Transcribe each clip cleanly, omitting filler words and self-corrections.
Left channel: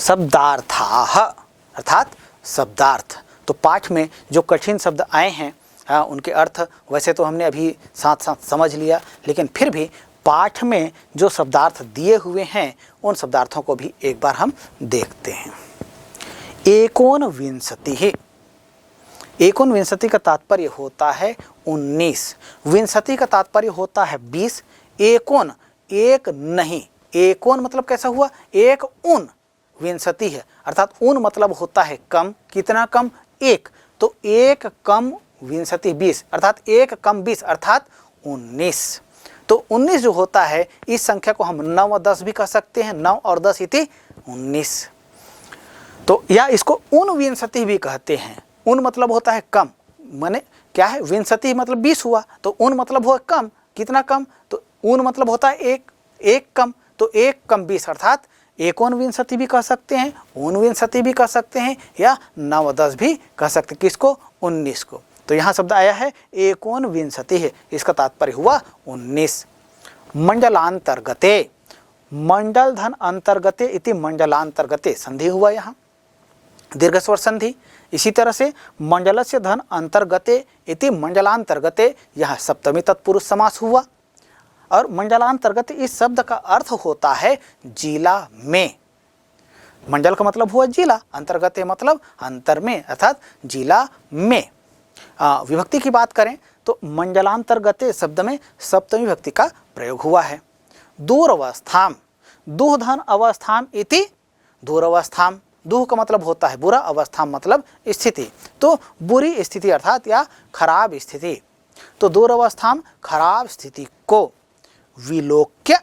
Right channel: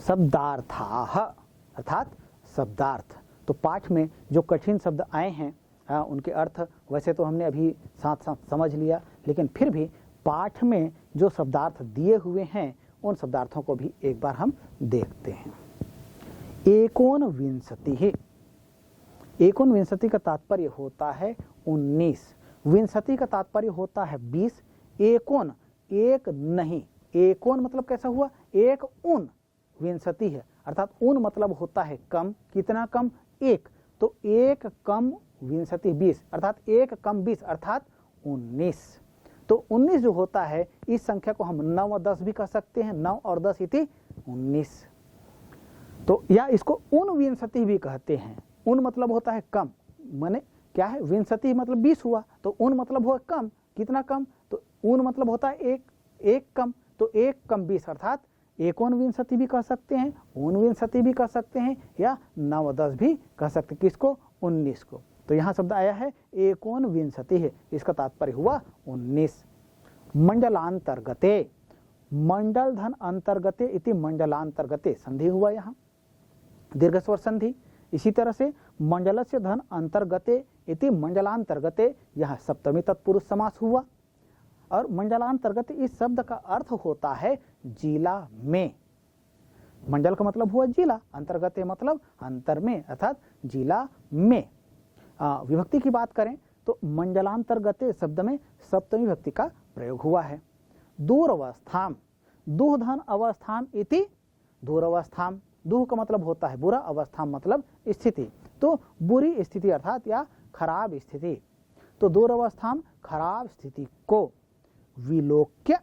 शब्दार्थाः अर्थात शब्दार्थ। तो पाठ में जो कठिन शब्द आए हैं उनके अर्थ वैसे तो हमने अभी साथ साथ समझ लिया, लेकिन फिर भी पाठ में जो शब्दार्थ दिए हुए हैं उन शब्दार्थों को भी एक बार हम देखते हैं। एकोनविंशतिः, एकोनविंशति का तात्पर्य होता है 19, विंशति का तात्पर्य होता है 20, एकोन एक नहीं, एकोन मतलब कैसा हुआ, एक उन, विंशति है अर्थात उन मतलब होता है कम, कितना कम, एक, तो एक कम विंशति 20 अर्थात एक कम 20 अर्थात 19। तो 19 जो होता है इस संख्या को हम 9 और 10 भी कह सकते हैं, 9 और 10 इति 19। तो या इसको ऊनविंशति भी कहते हैं। उन मतलब होता है कम, माने क्या है, विंशति मतलब 20 हुआ, तो उन मतलब हुआ कम, कितना कम, तो ऊन मतलब होता है एक, एक कम, तो एक कम 20 अर्थात एकोनविंशति भी कह सकते हैं, ऊनविंशति भी कह सकते हैं, या 9 और 10 भी कह सकते हैं। किसको, 19 को। तो यहाँ शब्द आया है एकोनविंशति है, इसका तात्पर्य हुआ 19। मंडलांतर्गते, मंडल धन अंतर्गते इति मंडलांतर्गते, संधि हुआ यहाँ दीर्घ स्वर संधि। इसी तरह से मंडलस्य धन अंतर्गते इति मंडलांतर्गते, यह सप्तमी तत्पुरुष समास हुआ। और मंडलांतर्गत इस शब्द का अर्थ होता है जिला में। मंडल का मतलब हुआ जिला, अंतर्गत मतलब अंतर में अर्थात जिला में। विभक्ति की बात करें तो मंडलांतर्गत शब्द में सप्तमी विभक्ति का प्रयोग हुआ है। दूरवस्थाम, दुह धन अवस्थाम इति दूरवस्थाम, दुह का मतलब होता है बुरा, अवस्था मतलब स्थिति, तो बुरी स्थिति अर्थात या खराब स्थिति। तो दूरवस्थाम खराब स्थिति को विलोक्य,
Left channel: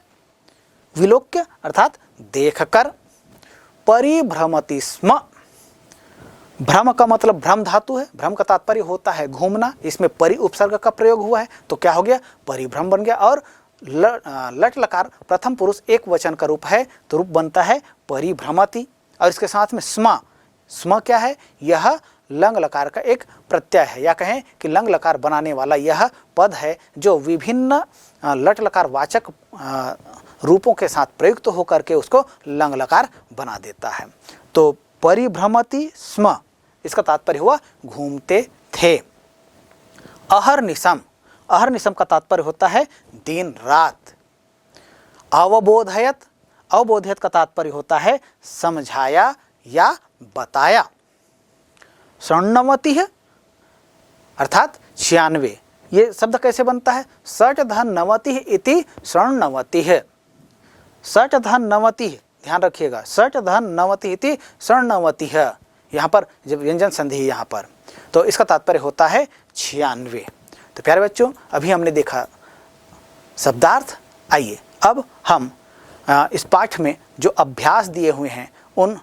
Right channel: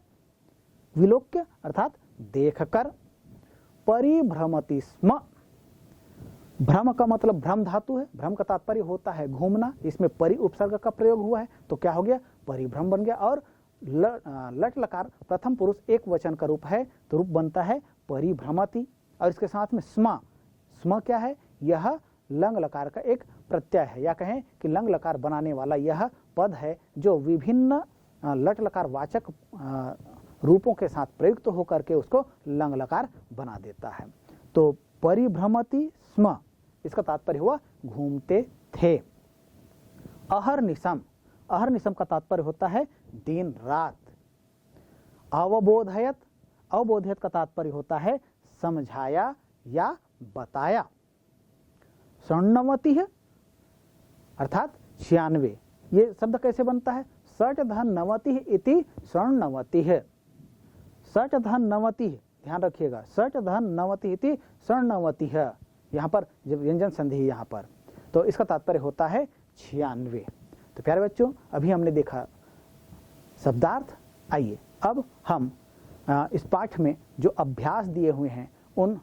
विलोक्य अर्थात देखकर, परिभ्रमति स्म, भ्रम का मतलब भ्रम धातु है, भ्रम का तात्पर्य होता है घूमना, इसमें परि उपसर्ग का प्रयोग हुआ है, तो क्या हो गया, परिभ्रम बन गया। और लट लकार प्रथम पुरुष एक वचन का रूप है, तो रूप बनता है परिभ्रमति। और इसके साथ में स्म, स्म क्या है, यह लंग लकार का एक प्रत्यय है, या कहें कि लंग लकार बनाने वाला यह पद है जो विभिन्न लट लकार वाचक रूपों के साथ प्रयुक्त होकर के उसको लंग लकार बना देता है। तो परिभ्रमति स्म, इसका तात्पर्य हुआ घूमते थे। अहर्निशम, अहर्निशम का तात्पर्य होता है दिन रात। अवबोधयत, अवबोधयत का तात्पर्य होता है समझाया या बताया। षण्णवति है अर्थात 96, ये शब्द कैसे बनता है, षट धन नवति इति षण्णवति है, षट धन नवति, ध्यान रखिएगा, षट धन नवति इति षण्णवति है, यहाँ पर जब व्यंजन संधि है यहाँ पर, तो इसका तात्पर्य होता है 96। तो प्यारे बच्चों, अभी हमने देखा शब्दार्थ। आइए अब हम इस पाठ में जो अभ्यास दिए हुए हैं उन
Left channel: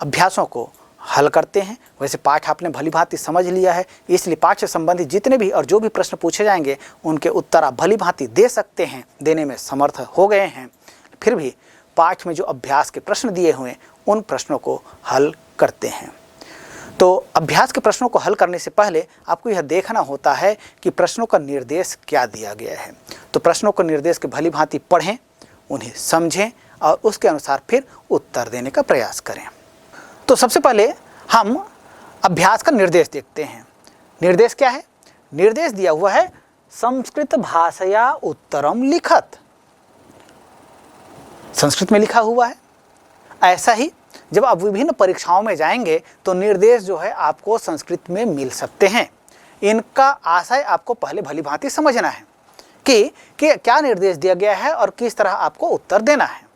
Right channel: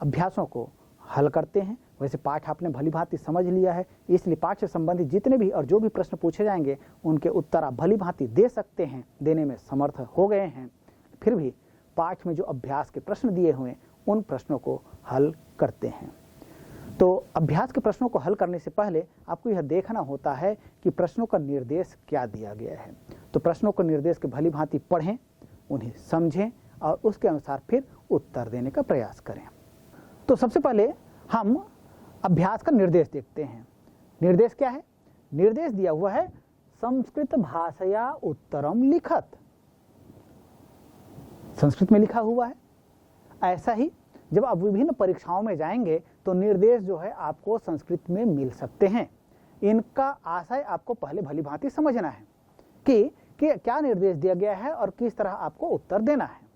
अभ्यासों को हल करते हैं। वैसे पाठ आपने भली भांति समझ लिया है, इसलिए पाठ से संबंधित जितने भी और जो भी प्रश्न पूछे जाएंगे उनके उत्तर आप भली भांति दे सकते हैं, देने में समर्थ हो गए हैं। फिर भी पाठ में जो अभ्यास के प्रश्न दिए हुए उन प्रश्नों को हल करते हैं। तो अभ्यास के प्रश्नों को हल करने से पहले आपको यह देखना होता है कि प्रश्नों का निर्देश क्या दिया गया है। तो प्रश्नों को निर्देश के भली भांति पढ़ें, उन्हें समझें और उसके अनुसार फिर उत्तर देने का प्रयास करें। तो सबसे पहले हम अभ्यास का निर्देश देखते हैं। निर्देश क्या है, निर्देश दिया हुआ है संस्कृत भाषया उत्तरम लिखत, संस्कृत में लिखा हुआ है। ऐसा ही जब आप विभिन्न परीक्षाओं में जाएंगे तो निर्देश जो है आपको संस्कृत में मिल सकते हैं। इनका आशय आपको पहले भली भांति समझना है कि क्या निर्देश दिया गया है और किस तरह आपको उत्तर देना है।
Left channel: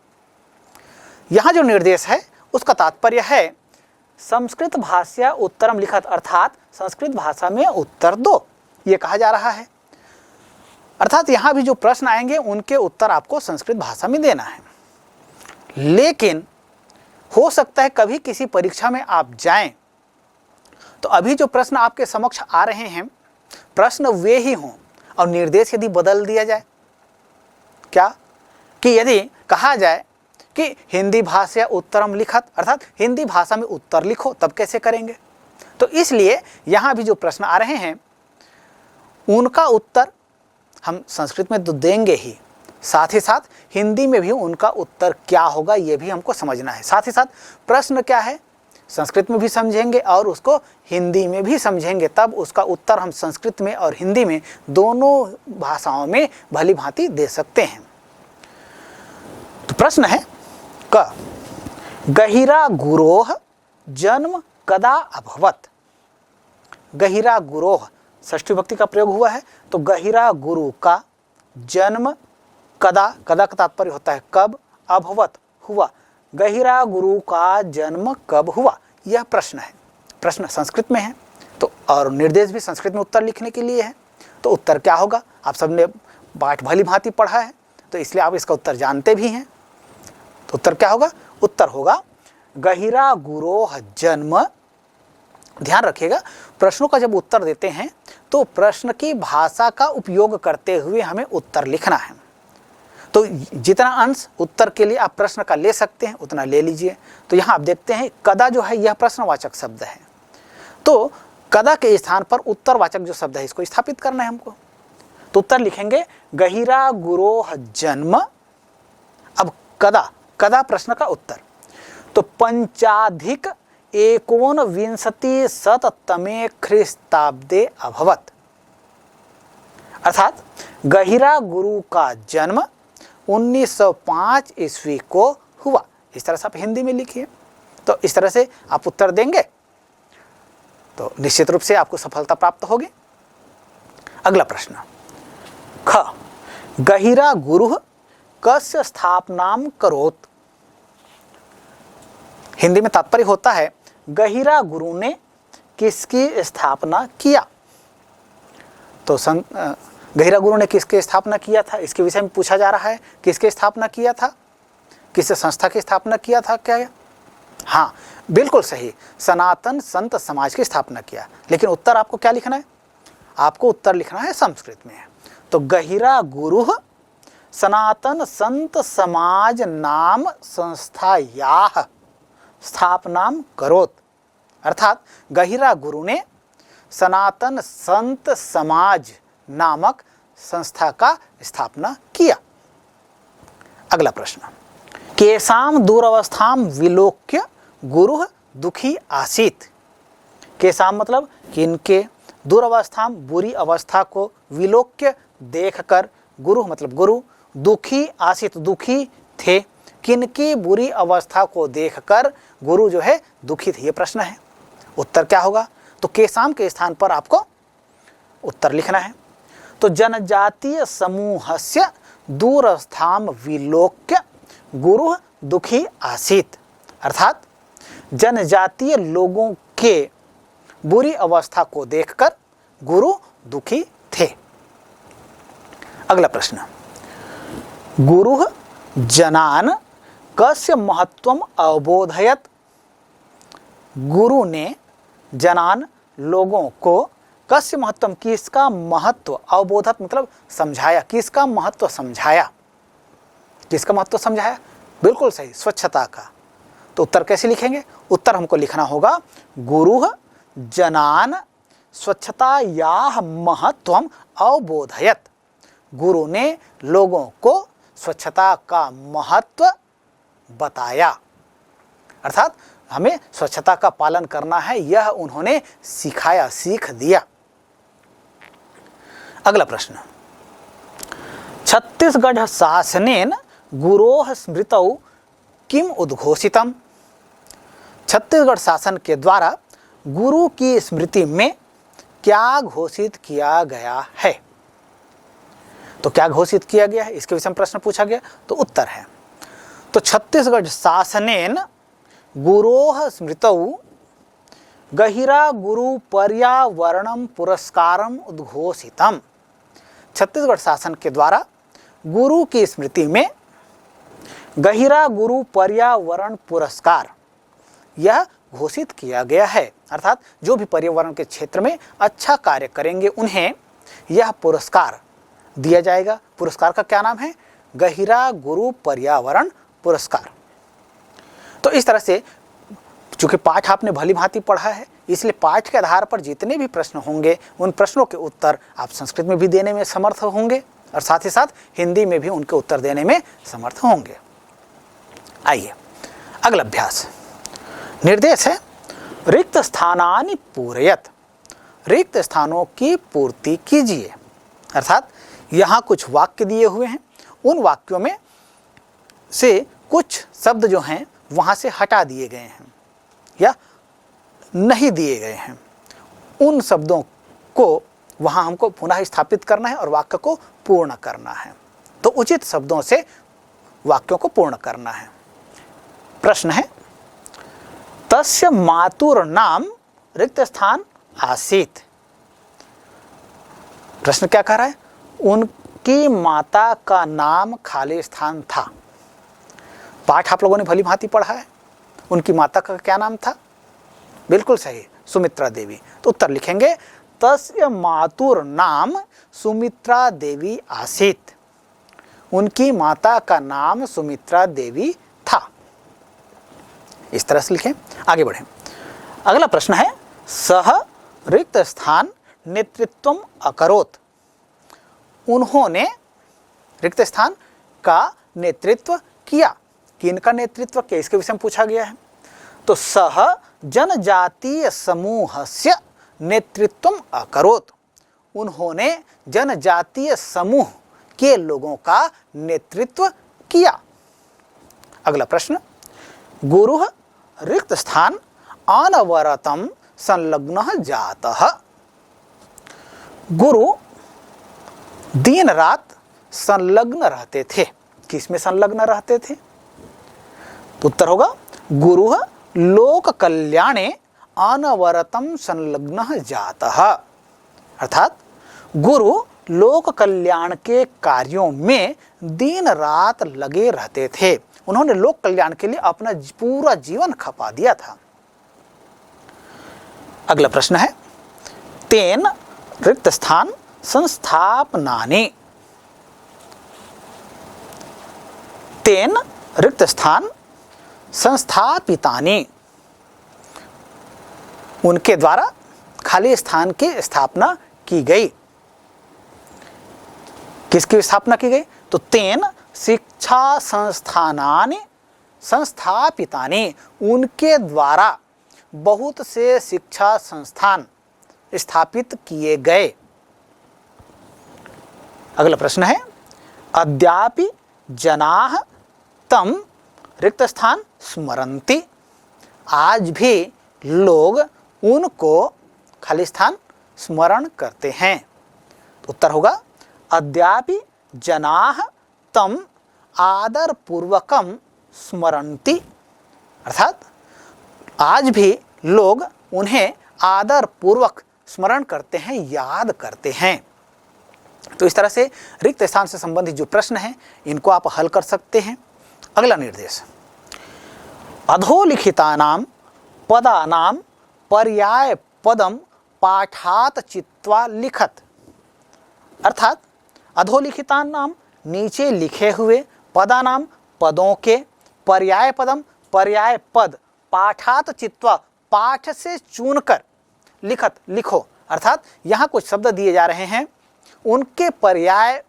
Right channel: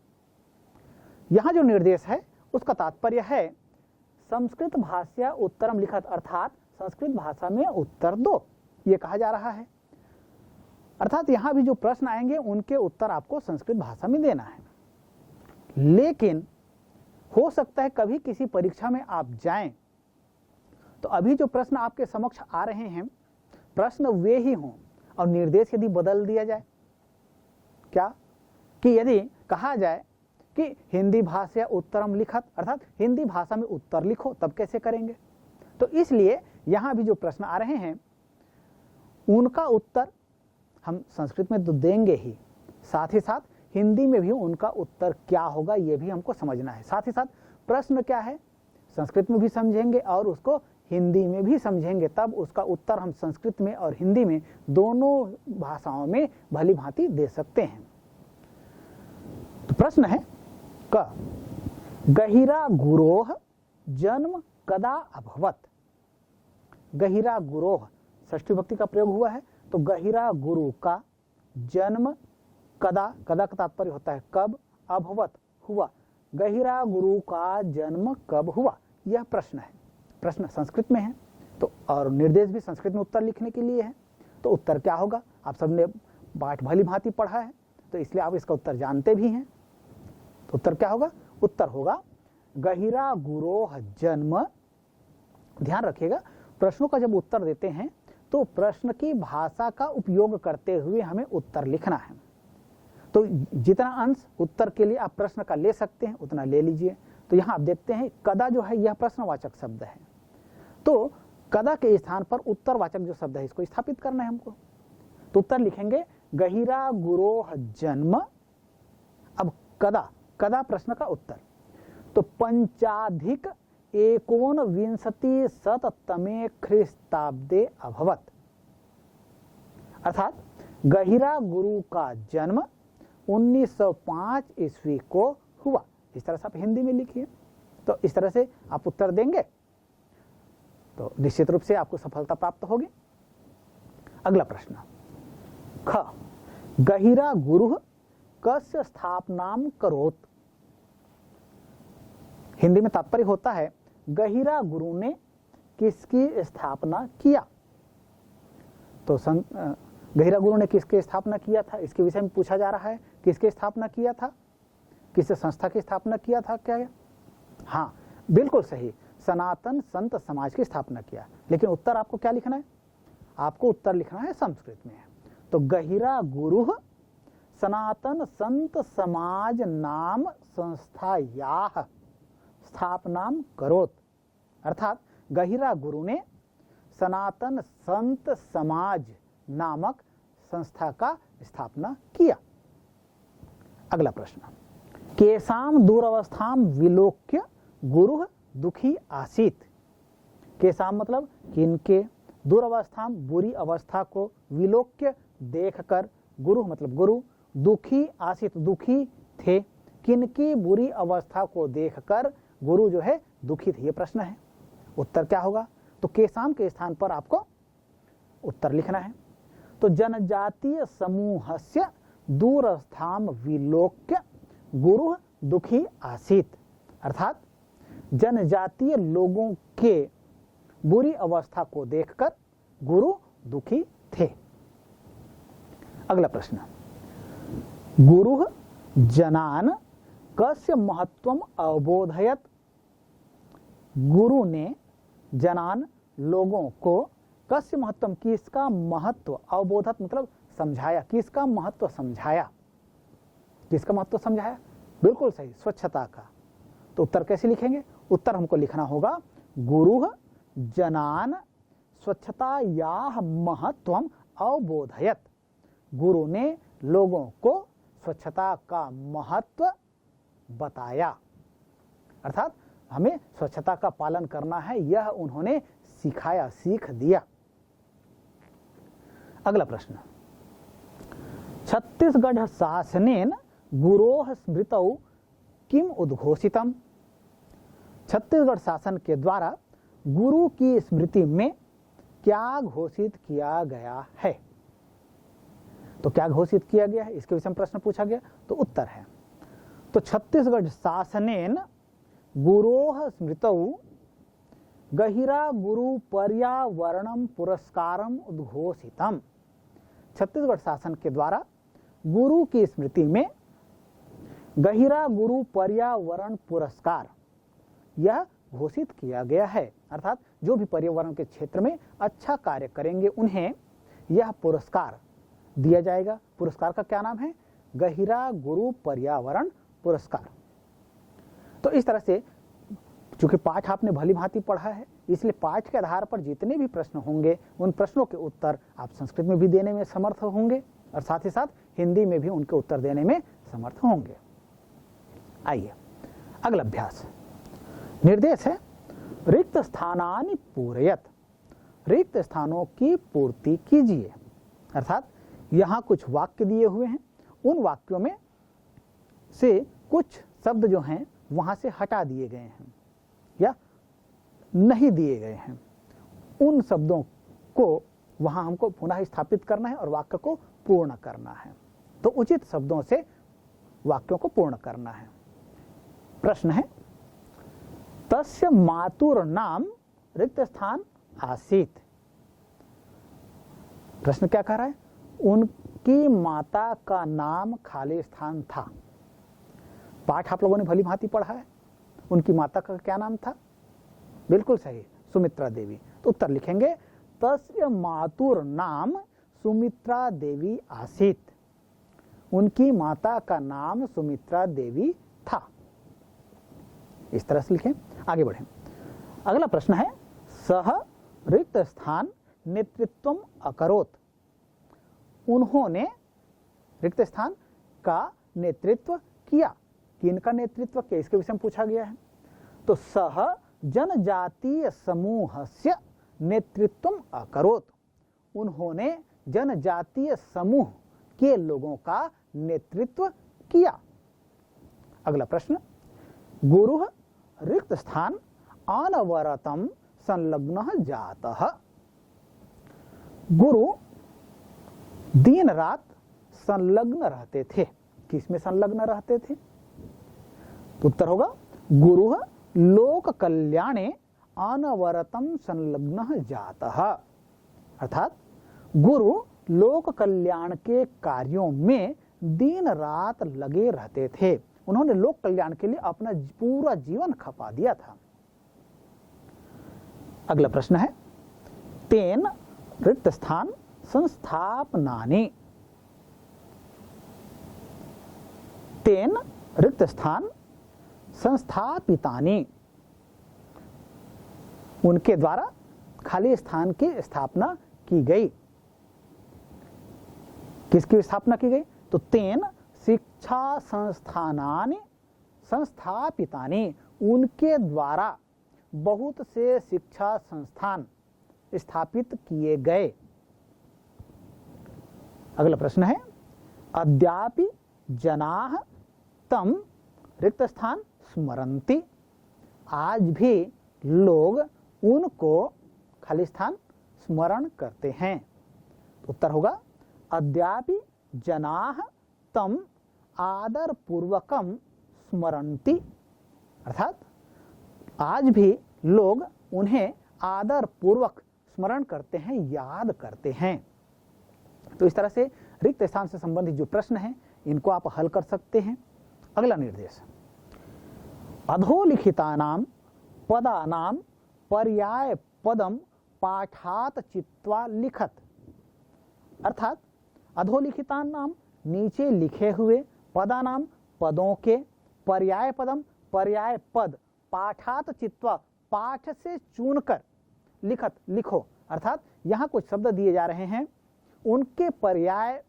यहाँ जो निर्देश है उसका तात्पर्य है संस्कृत भाषा उत्तरम लिखत, अर्थात संस्कृत भाषा में उत्तर दो, ये कहा जा रहा है। अर्थात यहाँ भी जो प्रश्न आएंगे उनके उत्तर आपको संस्कृत भाषा में देना है। लेकिन हो सकता है कभी किसी परीक्षा में आप जाएं तो अभी जो प्रश्न आपके समक्ष आ रहे हैं प्रश्न वे ही हों और निर्देश यदि बदल दिया जाए, क्या कि यदि कहा जाए कि हिंदी भाषा उत्तरम लिखत, अर्थात हिंदी भाषा में उत्तर लिखो, तब कैसे करेंगे। तो इसलिए यहाँ भी जो प्रश्न आ रहे हैं उनका उत्तर हम संस्कृत में तो देंगे ही, साथ ही साथ हिंदी में भी उनका उत्तर क्या होगा ये भी हमको समझना है। साथ ही साथ प्रश्न क्या है संस्कृत में भी समझेंगे और उसको हिंदी में भी समझेंगे, तब उसका उत्तर हम संस्कृत में और हिंदी में दोनों भाषाओं में भली भांति दे सकते हैं। तो प्रश्न है क गहिरा गुरोह जन्म कदा अभवत। गहिरा गुरोह षष्ठी विभक्ति का प्रयोग हुआ है, तो गहिरा गुरु का जन्म कदा, कदा का तात्पर्य होता है कब, अभवत हुआ, गहिरा गुरु का जन्म कब हुआ, यह प्रश्न है। प्रश्न संस्कृत में है तो और निर्देश भी संस्कृत में उत्तर लिखने के लिए है, तो उत्तर क्या होगा आप सबने पाठ भली भांति पढ़ा है तो इसलिए आप इसका उत्तर जानते भी हैं। तो उत्तर क्या होगा, उत्तर होगा गहिरा गुरोह जन्म। ध्यान रखिएगा प्रश्नों का जब उत्तर देते हैं तो प्रश्न की भाषा का उपयोग करते हुए हमें उत्तर लिखना है। तो जितना अंश उत्तर के लिए आप प्रश्न का ले सकते हैं उतना ले लीजिए। तो यहाँ आप देखते हैं कदा जो है यह प्रश्नवाचक शब्द है, तो कदा के स्थान पर उत्तरवाचक जो शब्द है इसको स्थापित करना है हमको। तो उत्तर लिखेंगे गहिरा गुरोह जन्म। अब कदा, कदा प्रश्न का उत्तर, तो 5+19 ख्रीस्ताब्दे अभवत, अर्थात गहिरा गुरु का जन्म 1905 ईस्वी को हुआ। इस तरह से आप हिंदी में लिखिए, तो इस तरह से आप उत्तर देंगे तो निश्चित रूप से आपको सफलता प्राप्त होगी। अगला प्रश्न ख गहिरा गुरु कस्य स्थापनाम करोत। हिंदी में तात्पर्य होता है गहिरा गुरु ने किसकी स्थापना किया। तो गहिरा गुरु ने किसकी स्थापना किया था इसके विषय में पूछा जा रहा है। किसकी स्थापना किया था, किस संस्था की स्थापना किया था क्या है? हाँ बिल्कुल सही, सनातन संत समाज की स्थापना किया। लेकिन उत्तर आपको क्या लिखना है, आपको उत्तर लिखना है संस्कृत में। तो गहिरा गुरु सनातन संत समाज नाम संस्थायाः स्थापनाम करोत, अर्थात गहिरा गुरु ने सनातन संत समाज नामक संस्था का स्थापना किया। अगला प्रश्न केसाम दुरवस्थाम विलोक्य गुरु दुखी आसीत। केसाम मतलब किनके, दुरवस्थाम बुरी अवस्था को, विलोक्य देखकर, गुरु मतलब गुरु, दुखी आसीत दुखी थे। किनकी बुरी अवस्था को देखकर गुरु जो है दुखी थे, ये प्रश्न है। उत्तर क्या होगा, तो केसाम के स्थान पर आपको उत्तर लिखना है। तो जनजातीय समूहस्य दूरस्थाम विलोक्य गुरु दुखी आसीत, अर्थात जनजातीय लोगों के बुरी अवस्था को देखकर गुरु दुखी थे। अगला प्रश्न गुरु जनान कस्य महत्वम अवबोधयत। गुरु ने जनान लोगों को कस्य महत्वम किसका महत्व, अवबोधत मतलब समझाया, किसका महत्व समझाया, किसका महत्व समझाया, बिल्कुल सही स्वच्छता का। तो उत्तर कैसे लिखेंगे, उत्तर हमको लिखना होगा गुरु जनान स्वच्छतायाः महत्वम अवबोधयत। गुरु ने लोगों को स्वच्छता का महत्व बताया, अर्थात हमें स्वच्छता का पालन करना है यह उन्होंने सिखाया, सीख दिया। अगला प्रश्न छत्तीसगढ़ शासनेन गुरोः स्मृतौ किम उद्घोषितम। छत्तीसगढ़ शासन के द्वारा गुरु की स्मृति में क्या घोषित किया गया है। तो क्या घोषित किया गया है इसके विषय में प्रश्न पूछा गया, तो उत्तर है तो छत्तीसगढ़ शासनेन गुरोः स्मृतौ गहिरा गुरु पर्यावरणम पुरस्कारम उद्घोषितम। छत्तीसगढ़ शासन के द्वारा गुरु की स्मृति में गहिरा गुरु पर्यावरण पुरस्कार यह घोषित किया गया है, अर्थात जो भी पर्यावरण के क्षेत्र में अच्छा कार्य करेंगे उन्हें यह पुरस्कार दिया जाएगा। पुरस्कार का क्या नाम है, गहिरा गुरु पर्यावरण पुरस्कार। तो इस तरह से चूंकि पाठ आपने भली भांति पढ़ा है इसलिए पाठ के आधार पर जितने भी प्रश्न होंगे उन प्रश्नों के उत्तर आप संस्कृत में भी देने में समर्थ होंगे और साथ ही साथ हिंदी में भी उनके उत्तर देने में समर्थ होंगे। आइए अगला अभ्यास। निर्देश है रिक्त स्थानानि पूरयत, रिक्त स्थानों की पूर्ति कीजिए। अर्थात यहाँ कुछ वाक्य दिए हुए हैं, उन वाक्यों में से कुछ शब्द जो हैं वहाँ से हटा दिए गए हैं या नहीं दिए गए हैं, उन शब्दों को वहाँ हमको पुनः स्थापित करना है और वाक्य को पूर्ण करना है। तो उचित शब्दों से वाक्यों को पूर्ण करना है। प्रश्न है तस्य मातुर नाम रिक्त स्थान आसीत। प्रश्न क्या कह रहा है? उनकी माता का नाम खाली स्थान था। पाठ आप लोगों ने भली भांति पढ़ा है। उनकी माता का क्या नाम था? बिल्कुल सही, सुमित्रा देवी। तो उत्तर लिखेंगे तस्य मातुर नाम सुमित्रा देवी आसीत। उनकी माता का नाम सुमित्रा देवी था। इस तरह से लिखें। आगे बढ़ें। अगला प्रश्न है सह रिक्त स्थान नेतृत्वम अकरोत। उन्होंने रिक्त स्थान का नेतृत्व किया। किनका नेतृत्व किया, इसके विषय में पूछा गया है। तो सह जनजातीय समूहस्य नेतृत्वम अकरोत। उन्होंने जनजातीय समूह के लोगों का नेतृत्व किया। अगला प्रश्न गुरुः रिक्त स्थान अनवरतम संलग्नः जातः। गुरु दिन रात संलग्न रहते थे। किसमें संलग्न रहते थे? तो उत्तर होगा गुरुः लोक कल्याणे अनवरतम संलग्नः जातः। अर्थात गुरु लोक कल्याण के कार्यों में दिन रात लगे रहते थे। उन्होंने लोक कल्याण के लिए अपना पूरा जीवन खपा दिया था। अगला प्रश्न है तेन रिक्त स्थान संस्थापनानि। तेन रिक्त स्थान संस्थापितानि। उनके द्वारा खाली स्थान की स्थापना की गई। किसकी स्थापना की गई? तो तेन शिक्षा संस्थानानि संस्थापितानि। उनके द्वारा बहुत से शिक्षा संस्थान स्थापित किए गए। अगला प्रश्न है अद्यापि जनाः तम रिक्त स्थान स्मरन्ति। आज भी लोग उनको खाली स्थान स्मरण करते हैं। उत्तर होगा अद्यापि जनाः तम आदर पूर्वकम स्मरन्ति। अर्थात आज भी लोग उन्हें आदर पूर्वक स्मरण करते हैं, याद करते हैं। तो इस तरह से रिक्त स्थान से संबंधित जो प्रश्न हैं इनको आप हल कर सकते हैं। अगला निर्देश अधोलिखितानां पदानां पर्याय पदम पाठात चित्वा लिखत। अर्थात अधोलिखितानां नीचे लिखे हुए, पदानाम पदों के, पर्याय पदम पर्याय पद, पाठात चित्वा पाठ से चुनकर, लिखत लिखो। अर्थात यहाँ कुछ शब्द दिए जा रहे हैं, उनके पर्याय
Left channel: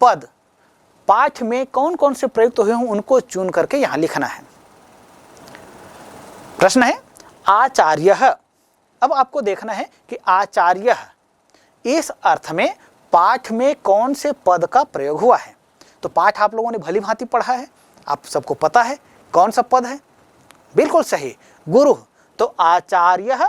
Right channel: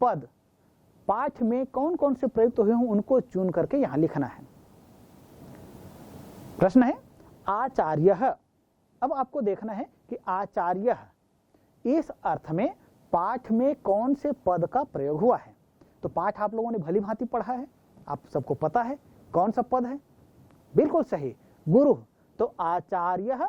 पद पाठ में कौन कौन से प्रयुक्त हुए हों उनको चुन करके यहाँ लिखना है। प्रश्न है आचार्यः। अब आपको देखना है कि आचार्यः इस अर्थ में पाठ में कौन से पद का प्रयोग हुआ है। तो पाठ आप लोगों ने भली भांति पढ़ा है, आप सबको पता है कौन सा पद है। बिल्कुल सही, गुरु। तो आचार्यः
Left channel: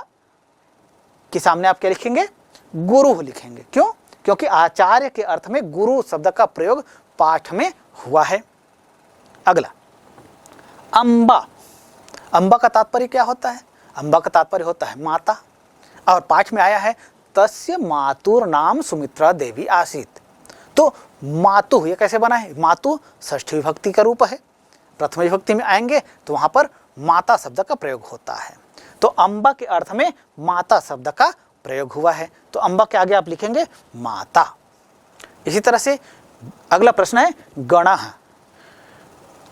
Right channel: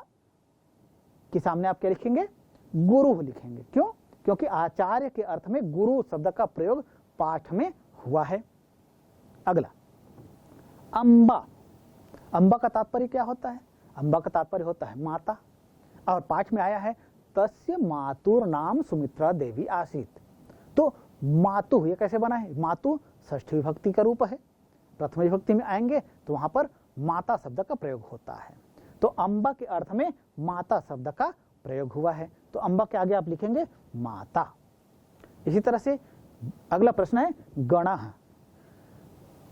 के सामने आप क्या लिखेंगे? गुरु लिखेंगे। क्यों? क्योंकि आचार्य के अर्थ में गुरु शब्द का प्रयोग पाठ में हुआ है। अगला अम्बा। अम्बा का तात्पर्य क्या होता है? अम्बा का तात्पर्य होता है माता। और पाठ में आया है तस्य मातुर नाम सुमित्रा देवी आसीत। तो मातु ये कैसे बना है? मातु षष्ठी विभक्ति का रूप है। प्रथम विभक्ति में आएंगे तो वहां पर माता शब्द का प्रयोग होता है। तो अम्बा के अर्थ में माता शब्द का प्रयोग हुआ है। तो अम्बा के आगे आप लिखेंगे माता। इसी तरह से अगला प्रश्न है गणः।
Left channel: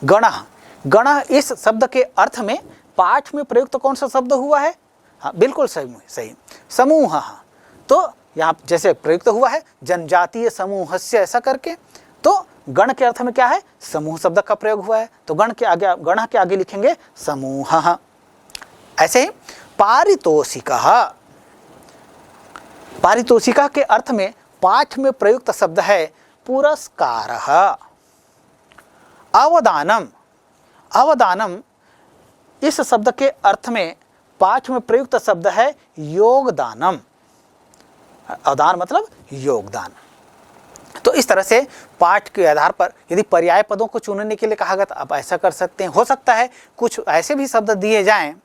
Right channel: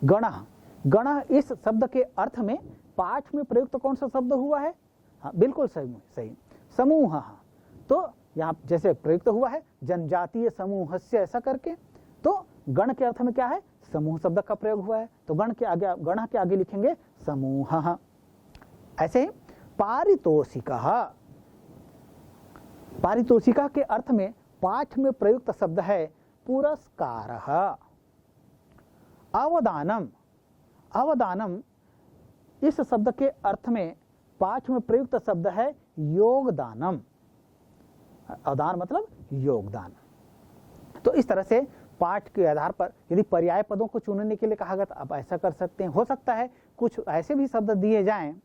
गणः, गणः इस शब्द के अर्थ में पाठ में प्रयुक्त कौन सा शब्द हुआ है? हाँ बिल्कुल सही, समूह। तो यहाँ जैसे प्रयुक्त हुआ है जनजातीय समूहस्य ऐसा करके, तो गण के अर्थ में क्या है, समूह शब्द का प्रयोग हुआ है, तो गण के आगे लिखेंगे समूह। ऐसे ही पारितोषिकः, पारितोषिका के अर्थ में पाठ में प्रयुक्त शब्द है पुरस्कारः। अवदानम, अवदानम इस शब्द के अर्थ में पाठ में प्रयुक्त शब्द है योगदानम। अवदान मतलब योगदान। तो इस तरह से पाठ के आधार पर यदि पर्याय पदों को चुनने के लिए कहा गया तो आप ऐसा कर सकते हैं। हो सकता है कुछ ऐसे भी शब्द दिए जाएं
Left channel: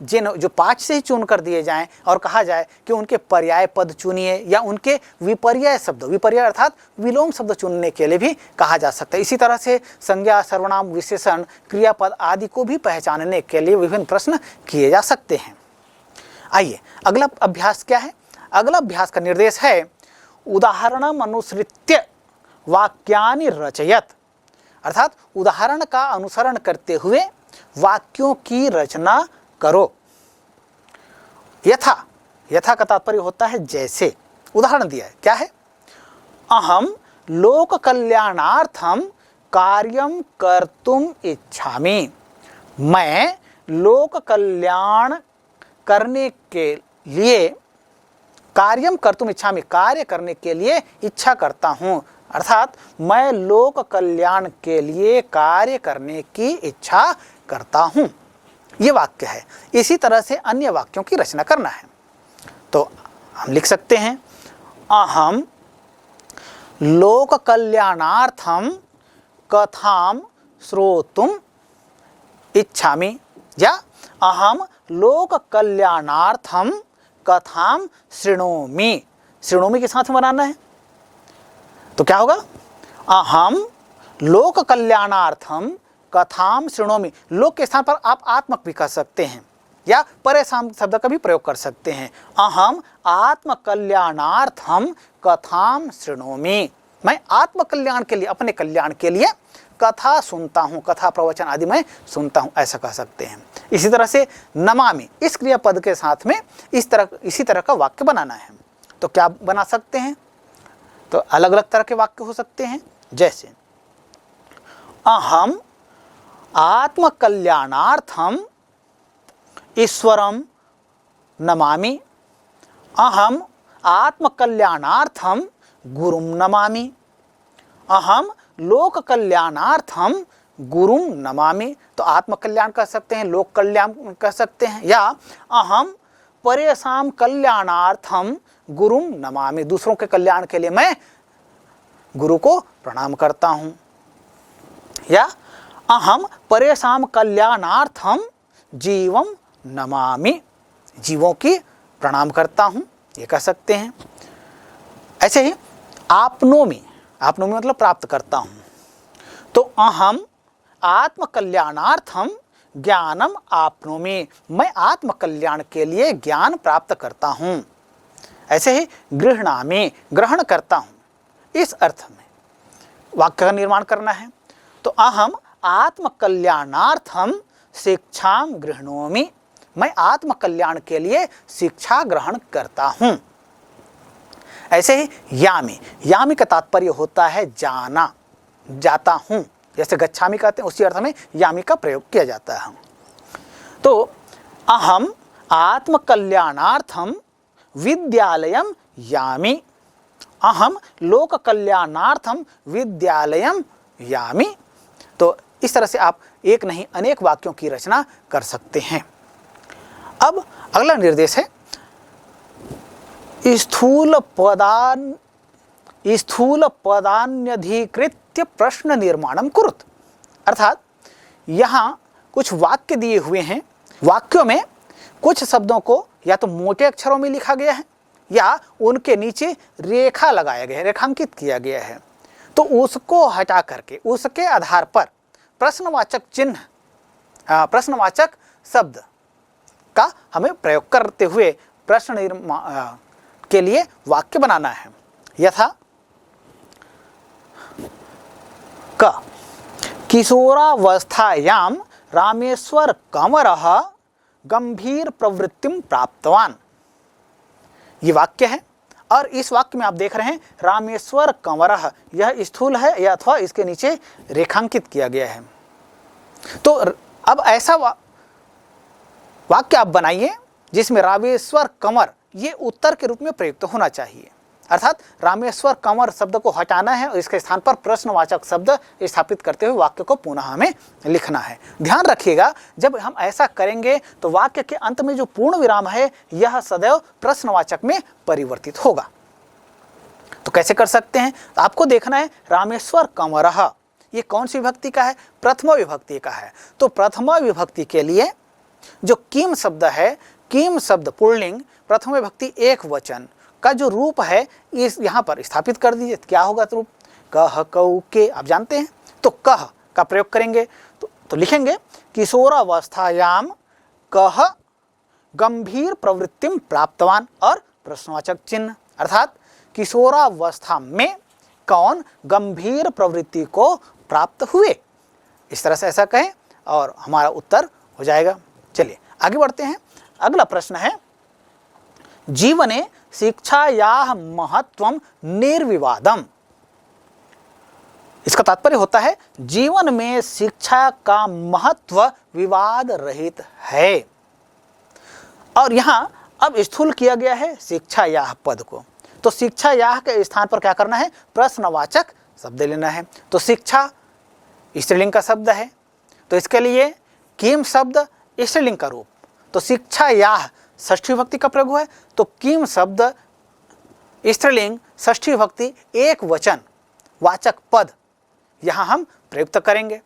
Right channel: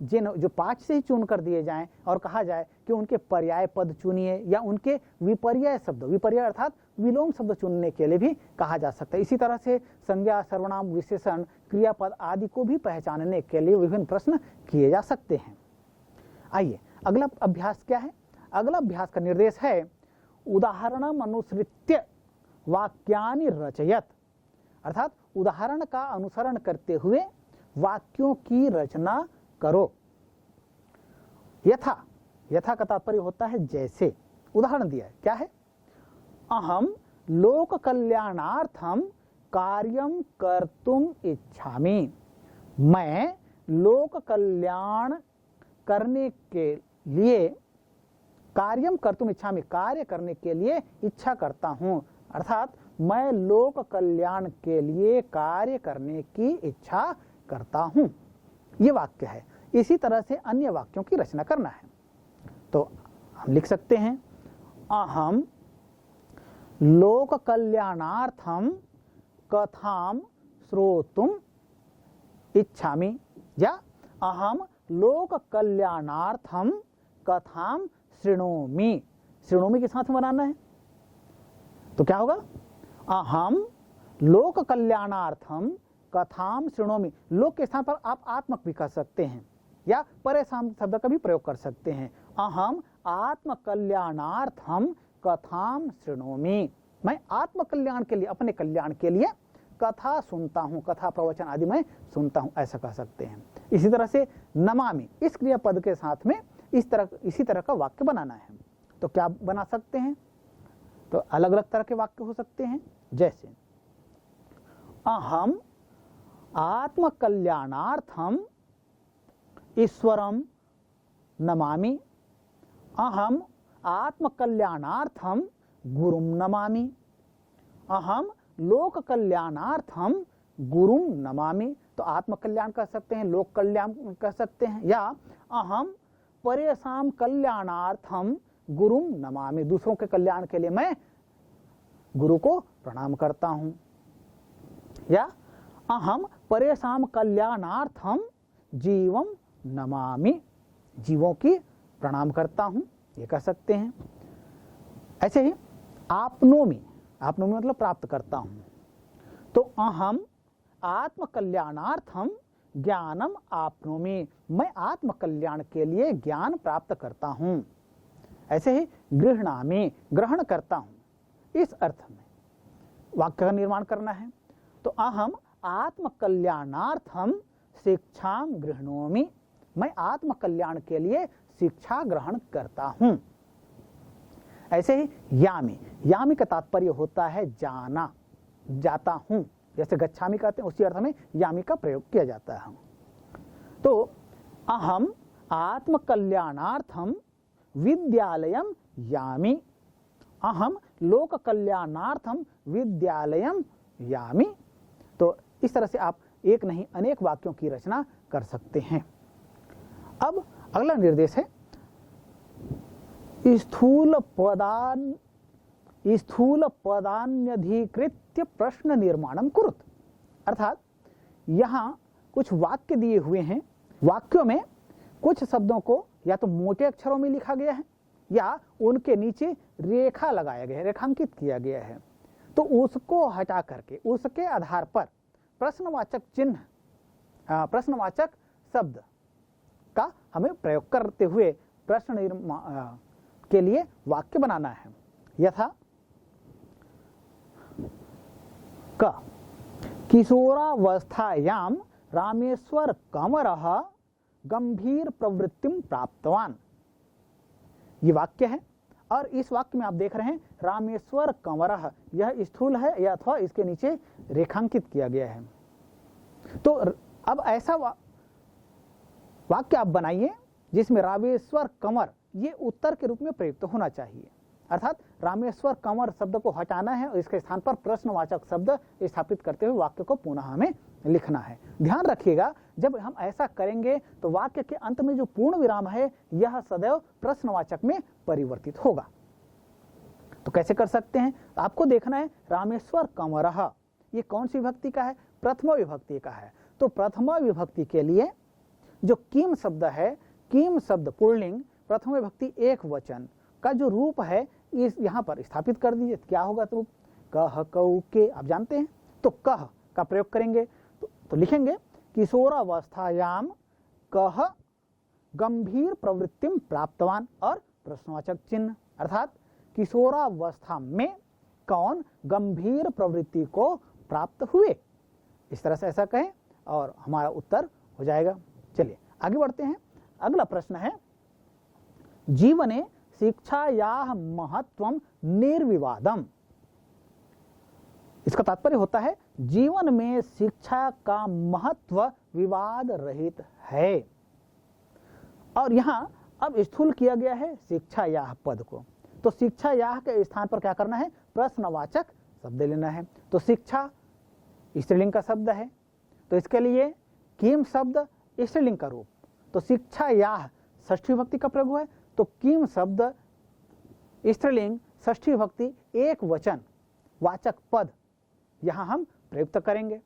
जो पाठ से ही चुन कर दिए जाएं और कहा जाए कि उनके पर्याय पद चुनिए, या उनके विपर्याय शब्द, विपर्याय अर्थात विलोम शब्द चुनने के लिए भी कहा जा सकता है। इसी तरह से संज्ञा, सर्वनाम, विशेषण, क्रियापद आदि को भी पहचानने के लिए विभिन्न प्रश्न किए जा सकते हैं। आइए अगला अभ्यास क्या है। अगला अभ्यास का निर्देश है उदाहरणम अनुसृत्य वाक्यानि रचयत, अर्थात उदाहरण का अनुसरण करते हुए वाक्यों की रचना करो। यथा, यथा का तात्पर्य होता है जैसे। उदाहरण दिया है, क्या है, अहम लोक कल्याणार्थम कार्यम कर्तुम इच्छामि, मैं लोक कल्याण करने के लिए, कार्यम कर्तुम इच्छामि कार्य करने के लिए इच्छा करता हूँ, अर्थात मैं लोक कल्याण के लिए कार्य करने की इच्छा करता हूँ। ये वाक्य है। इसी तरह से अन्य वाक्यों की रचना करना है। तो हम लिख सकते हैं अहम लोक कल्याणार्थम कथाम श्रोतुम इच्छामि, या अहम लोक कल्याणार्थम कथाम शृणोमि। शृणोमि के साथ बनाना है तो क्या होगा, अहम लोक कल्याणार्थम कथाम शृणोमि। लोक के स्थान पर आप आत्मक भी कह सकते हैं या परेशान शब्द का भी प्रयोग कर सकते हैं। अहम आत्म कल्याणार्थम कथाम शृणोमि, मैं आत्म कल्याण के लिए, अपने कल्याण के लिए कथा सुनता हूँ, कथा प्रवचन आदि मैं सुनता हूँ, ऐसा कह सकते हैं। इसी तरह से नमामि, इस क्रियापद के साथ में इसी तरह का वाक्य बनाना है। तो क्या बना सकते हैं, तो अलग अलग तरह के वाक्य हो सकते हैं, जैसे अहम आत्म कल्याणार्थम ईश्वरम नमामि, अहम आत्म कल्याणार्थम गुरुम नमामि, अहम लोक कल्याणार्थम गुरुम नमामि। तो आत्म कल्याण कह सकते हैं, लोक कल्याण कह सकते हैं, या अहम परेशान कल्याणार्थम गुरुम नमामि, दूसरों के कल्याण के लिए मैं गुरु को प्रणाम करता हूँ, या अहम परेशान कल्याणार्थम जीवम नमामि, जीवों की प्रणाम करता हूँ, ये कह सकते हैं। ऐसे ही आपनोमि, आपनोमि मतलब प्राप्त करता हूँ, तो अहम आत्म कल्याणार्थम ज्ञानम आपनोमि, मैं आत्म कल्याण के लिए ज्ञान प्राप्त करता हूँ। ऐसे ही गृह्णामि, ग्रहण करता हूँ, इस अर्थ में वाक्य का निर्माण करना है। तो अहम आत्म कल्याणार्थम शिक्षाम गृह्णोमि, मैं आत्म कल्याण के लिए शिक्षा ग्रहण करता हूँ। ऐसे ही यामि, यामि का तात्पर्य होता है जाना, जाता हूँ, जैसे गच्छामि कहते हैं उसी अर्थ में यामि का प्रयोग किया जाता है। तो अहम आत्म कल्याणार्थम विद्यालयम यामि, अहम लोक कल्याणार्थम विद्यालयम यामि। तो इस तरह से आप एक नहीं अनेक वाक्यों की रचना कर सकते हैं। अब अगला निर्देश है स्थूल पदान्यधिकृत्य प्रश्न निर्माणम कुरुत, अर्थात यहाँ कुछ वाक्य दिए हुए हैं, वाक्यों में कुछ शब्दों को या तो मोटे अक्षरों में लिखा गया है या उनके नीचे रेखा लगाया गया है, रेखांकित किया गया है। तो उसको हटा करके उसके आधार पर प्रश्नवाचक चिन्ह, प्रश्नवाचक शब्द का हमें प्रयोग करते हुए प्रश्न निर्माण के लिए वाक्य बनाना है। यथा क किशोरावस्थायां रामेश्वर कंवरः गंभीर प्रवृत्तिम प्राप्तवान, ये वाक्य है। और इस वाक्य में आप देख रहे हैं रामेश्वर कंवरः, यह स्थूल है या अथवा इसके नीचे रेखांकित किया गया है। तो अब ऐसा वाक्य आप बनाइए जिसमें रामेश्वर कंवर ये उत्तर के रूप में प्रयुक्त होना चाहिए, अर्थात रामेश्वर कंवर शब्द को हटाना है और इसके स्थान पर प्रश्नवाचक शब्द स्थापित करते हुए वाक्य को पुनः हमें लिखना है। ध्यान रखिएगा, जब हम ऐसा करेंगे तो वाक्य के अंत में जो पूर्ण विराम है यह सदैव प्रश्नवाचक में परिवर्तित होगा। तो कैसे कर सकते हैं? आपको देखना है रामेश्वर कंवरः ये कौन सी विभक्ति का है? प्रथमा विभक्ति का है। तो प्रथमा विभक्ति के लिए जो किम शब्द है, किम शब्द पुल्लिंग प्रथमा विभक्ति एक वचन का जो रूप है इस यहाँ पर स्थापित कर दीजिए। क्या होगा रूप? कह कऊ के, आप जानते हैं। तो कह का प्रयोग करेंगे तो लिखेंगे किशोरावस्थायाम कह गंभीर प्रवृत्तिम प्राप्तवान और प्रश्नवाचक चिन्ह, अर्थात किशोरावस्था में कौन गंभीर प्रवृत्ति को प्राप्त हुए, इस तरह से ऐसा कहें और हमारा उत्तर हो जाएगा। चलिए आगे बढ़ते हैं। अगला प्रश्न है जीवने शिक्षायाः महत्वम निर्विवादम। इसका तात्पर्य होता है जीवन में शिक्षा का महत्व विवाद रहित है। और यहां अब स्थूल किया गया है शिक्षायाः पद को, तो शिक्षायाः के स्थान पर क्या करना है? प्रश्नवाचक शब्द लेना है। तो शिक्षा स्त्रीलिंग का शब्द है, तो इसके लिए किम शब्द स्त्रीलिंग का रूप, तो शिक्षायाः षष्ठी विभक्ति का प्रयोग हुआ है, तो किम शब्द स्त्रीलिंग षष्ठी विभक्ति एक वचन वाचक पद यहां हम प्रयुक्त करेंगे।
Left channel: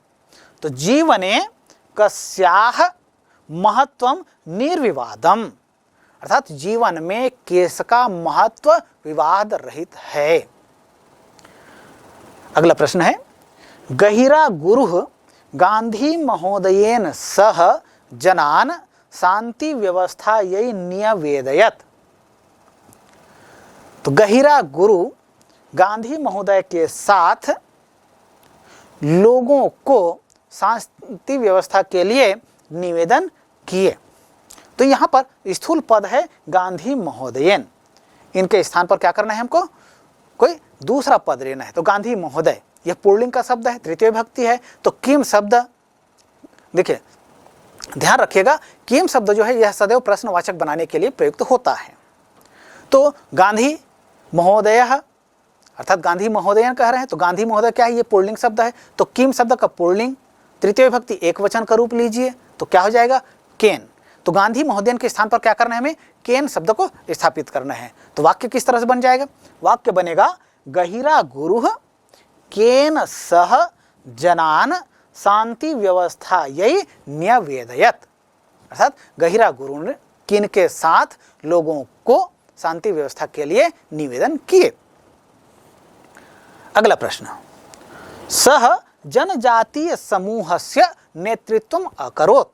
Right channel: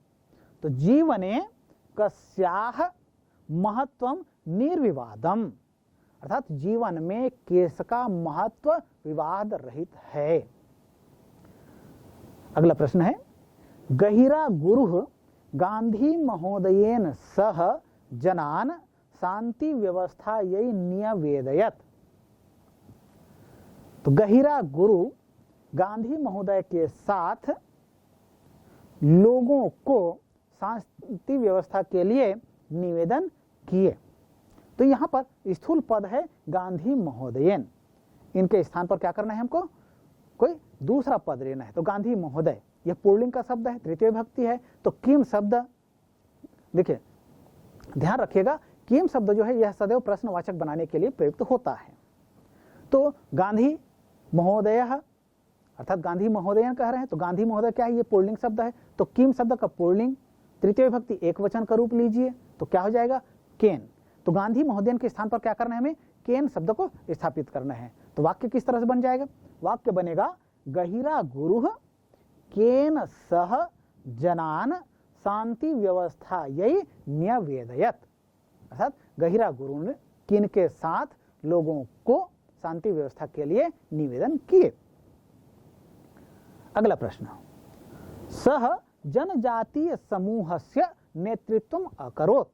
तो जीवने कस्याः महत्वम निर्विवादम, अर्थात जीवन में किसका महत्व विवाद रहित है। अगला प्रश्न है गहिरा गुरुः गांधी महोदयेन सह जनान शांति व्यवस्था यही निवेदयत। तो गहिरा गुरु गांधी महोदय के साथ लोगों को शांति व्यवस्था के लिए निवेदन किए। तो यहाँ पर स्थूल पद है गांधी महोदयन, इनके स्थान पर क्या करना है? हमको कोई दूसरा पद लेना है। तो गांधी महोदय यह पुल्लिंग का शब्द है, तृतीय विभक्ति है। तो किम शब्द, देखिए ध्यान रखिएगा, किम शब्द जो है यह सदैव प्रश्नवाचक बनाने के लिए प्रयुक्त होता है। तो गांधी महोदय अर्थात गांधी महोदयन कह रहे हैं, तो गांधी महोदय क्या है? ये पुल्लिंग शब्द है। तो किम शब्द का पुल्लिंग तृतीय विभक्ति एक वचन का रूप लीजिए, तो क्या हो जाएगा? केन। तो गांधी महोदयन के स्थान पर क्या करना है? हमें केन शब्द को स्थापित करना है। तो वाक्य किस तरह से बन जाएगा? वाक्य बनेगा गहिरा गुरुः केन सह जनान शांति व्यवस्था यही न्यवेदयत, अर्थात गहिरा गुरु ने किन के साथ लोगों को शांति व्यवस्था के लिए निवेदन किए। अगला प्रश्न सह जनजातीय समूहस्य नेतृत्वम अकरोत्।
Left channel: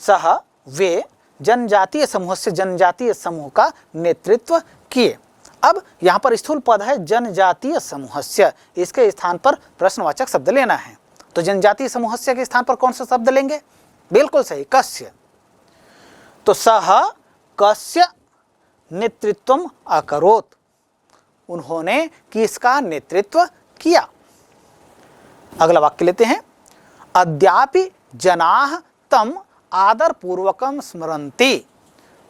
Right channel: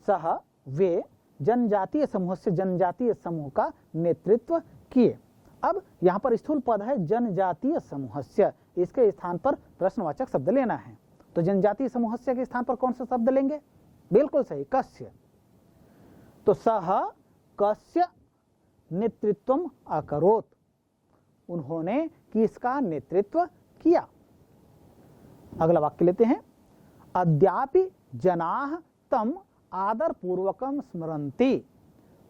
सह वे जनजातीय समूह से जनजातीय समूह का नेतृत्व किए। अब यहाँ पर स्थूल पद है जनजातीय समूहस्य, इसके स्थान पर प्रश्नवाचक शब्द लेना है। तो जनजातीय समूहस्य के स्थान पर कौन सा शब्द लेंगे? बिल्कुल सही, कस्य। तो सह कस्य नेतृत्वम अकरोत्, उन्होंने किसका नेतृत्व किया। अगला वाक्य लेते हैं अद्यापि जनाः तम आदर पूर्वकम स्मरन्ति।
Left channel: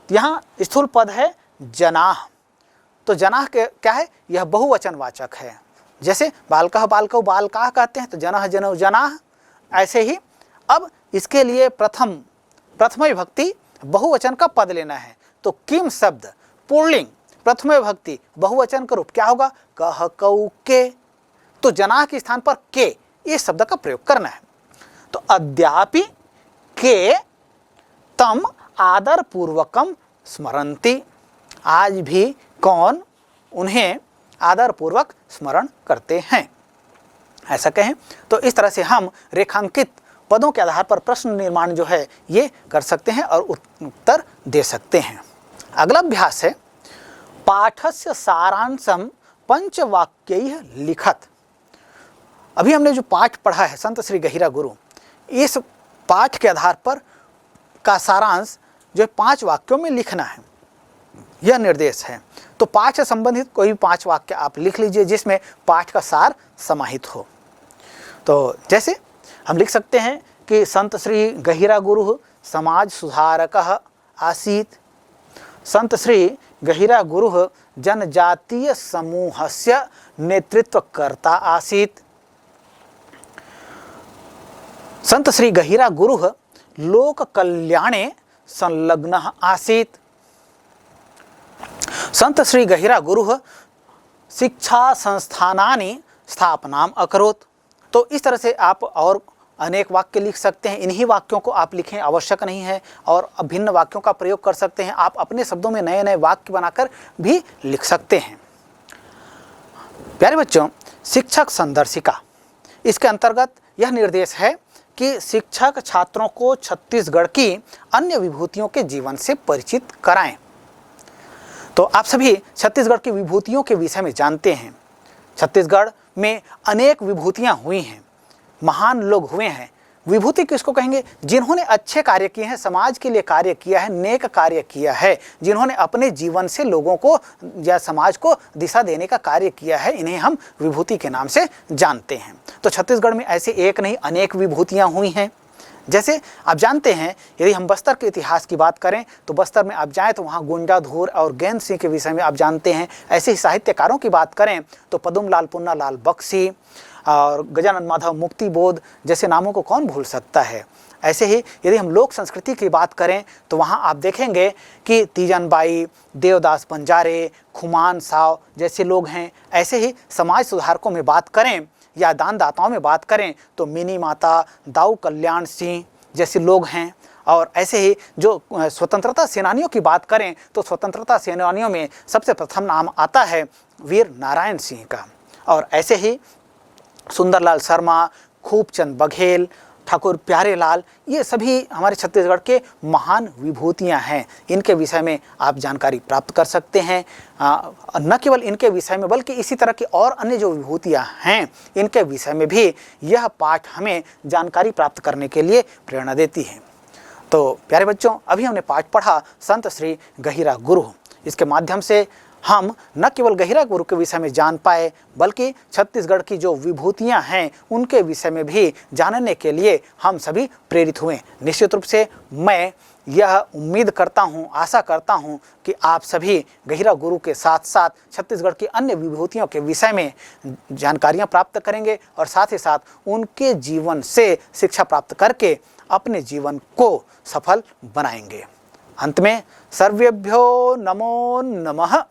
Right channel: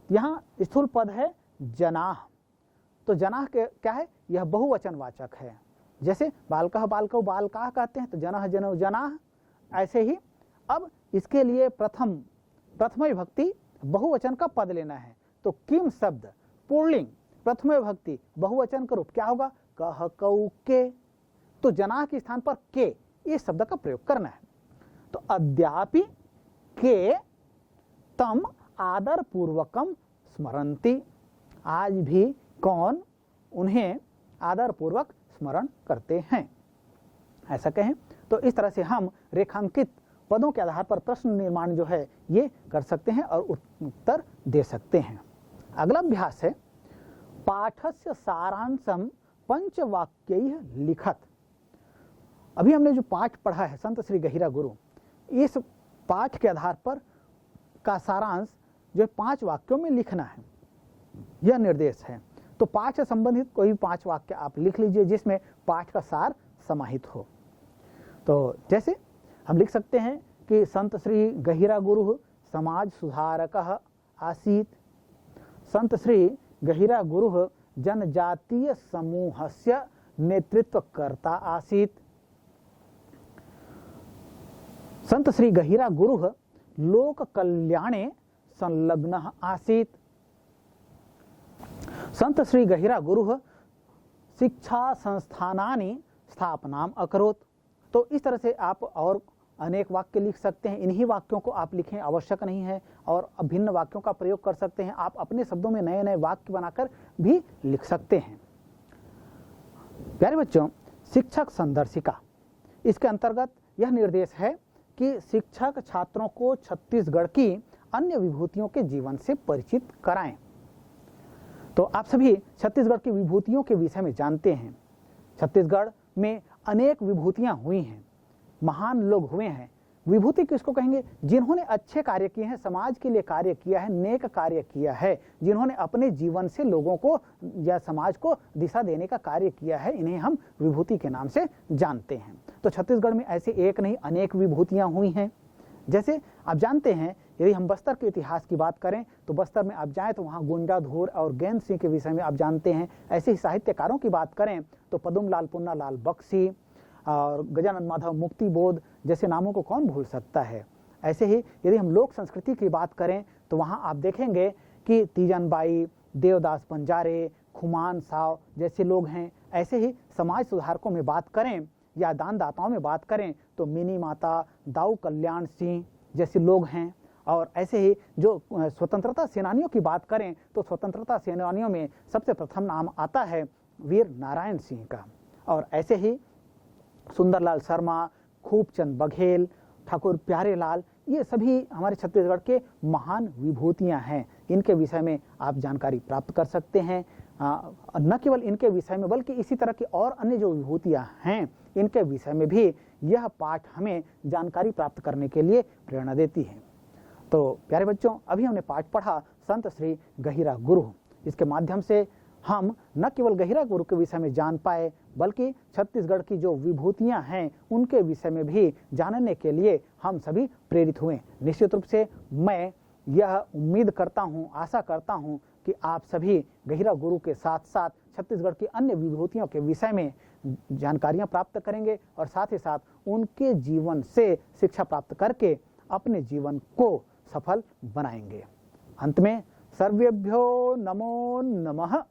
यहाँ स्थूल पद है जनाः, तो जनाः के क्या है? यह बहुवचन वाचक है। जैसे बालकः बालकौ बालकाः कहते हैं, तो जनः जनौ जनाः। ऐसे ही अब इसके लिए प्रथम विभक्ति बहुवचन का पद लेना है। तो किम शब्द पुल्लिंग प्रथम विभक्ति बहुवचन का रूप क्या होगा? कह कऊ के। तो जनाः के स्थान पर के इस शब्द का प्रयोग करना है। तो अद्यापि के तम आदर पूर्वकम स्मरन्ति, आज भी कौन उन्हें आदर पूर्वक स्मरण करते हैं, ऐसा कहें। तो इस तरह से हम रेखांकित पदों के आधार पर प्रश्न निर्माण जो है ये कर सकते हैं और उत्तर दे सकते हैं। अगला अभ्यास है पाठस्य सारांशम पंचवाक्यैः लिखत। अभी हमने जो पाठ पढ़ा है संत श्री गहिरा गुरु, इस पाठ के आधार पर का सारांश जो 5 वाक्यों में लिखना है। यह निर्देश है। तो पाठ से संबंधित कोई भी 5 वाक्य आप लिख लीजिए जिसमें पाठ का सार समाहित हो। तो जैसे हम लिख सकते हैं कि संत श्री गहिरा गुरु समाज सुधारकः आसीत्। संत श्री गहिरा गुरु जनजातीय समूहस्य नेतृत्वकर्ता आसीत्। संत श्री गहिरा गुरुः लोक कल्याणे संलग्नः आसीत्। संत श्री गहिरा गुरुः शिक्षा संस्थानानि स्थापनाम अकरोत्। तो इस तरह से आप और अनेक वाक्य लिख सकते हैं। इन्हीं वाक्यों को आप लिखें आवश्यक नहीं है और भिन्न वाक्यों का प्रयोग कर सकते हैं। आप अपने शब्दों में नए नए वाक्य बनाकर भी लिख सकते हैं। प्यारे बच्चों, शिक्षक संदर्शिका, इसके अंतर्गत यह निर्देश है कि शिक्षक छात्रों को छत्तीसगढ़ की अन्य विभूतियों के जीवन से परिचित कराएं। तो आप सभी छत्तीसगढ़ की विभूतियों के विषय में जानते हैं। छत्तीसगढ़ में अनेक विभूतियां हुई हैं, महान लोग हुए हैं। विभूति किसको कहेंगे? जिन्होंने अच्छे कार्य किए हैं, समाज के लिए कार्य किया है, नेक कार्य किया है, जिन्होंने अपने जीवन से लोगों को या समाज को दिशा देने का कार्य किया है, इन्हें हम विभूति के नाम से जानते हैं। तो छत्तीसगढ़ में ऐसे एक नहीं अनेक विभूतियां हुई हैं। जैसे आप जानते हैं, यदि हम बस्तर के इतिहास की बात करें तो बस्तर में आप जाएं तो वहाँ गुंजाधुर और गैंद सिंह के विषय में आप जानते हैं। ऐसे ही साहित्यकारों की बात करें तो पदुमलाल पुन्नालाल बख्शी और गजानन माधव मुक्तिबोध जैसे नामों को कौन भूल सकता है। ऐसे ही यदि हम लोक संस्कृति की बात करें तो वहाँ आप देखेंगे कि तीजन बाई, देवदास बंजारे, खुमान साव जैसे लोग हैं। ऐसे ही समाज सुधारकों में बात करें या दानदाताओं में बात करें तो मिनी माता, दाऊ कल्याण सिंह जैसे लोग हैं। और ऐसे ही जो स्वतंत्रता सेनानियों की बात करें तो स्वतंत्रता सेनानियों में सबसे प्रथम नाम आता है वीर नारायण सिंह का। और ऐसे ही सुंदरलाल शर्मा, खूबचंद बघेल, ठाकुर प्यारेलाल, ये सभी हमारे छत्तीसगढ़ के महान विभूतियां हैं। इनके विषय में आप जानकारी प्राप्त कर सकते हैं। न केवल इनके विषय में बल्कि इसी तरह की और अन्य जो विभूतियां हैं इनके विषय में भी यह पाठ हमें जानकारी प्राप्त करने के लिए प्रेरणा देती है। तो प्यारे बच्चों, अभी हमने पाठ पढ़ा संत श्री गहिरा गुरु। इसके माध्यम से हम न केवल गहिरा गुरु के विषय में जान पाए बल्कि छत्तीसगढ़ की जो विभूतियां हैं उनके विषय में भी जानने के लिए हम सभी प्रेरित हुए। निश्चित रूप से मैं यह उम्मीद करता हूं, आशा करता हूं कि आप सभी गहिरा गुरु के साथ साथ छत्तीसगढ़ की अन्य विभूतियों के विषय में जानकारियां प्राप्त करेंगे और साथ ही साथ उनके जीवन से शिक्षा प्राप्त करके अपने जीवन को सफल बनाएंगे। अंत में सर्वेभ्यो नमो नमः।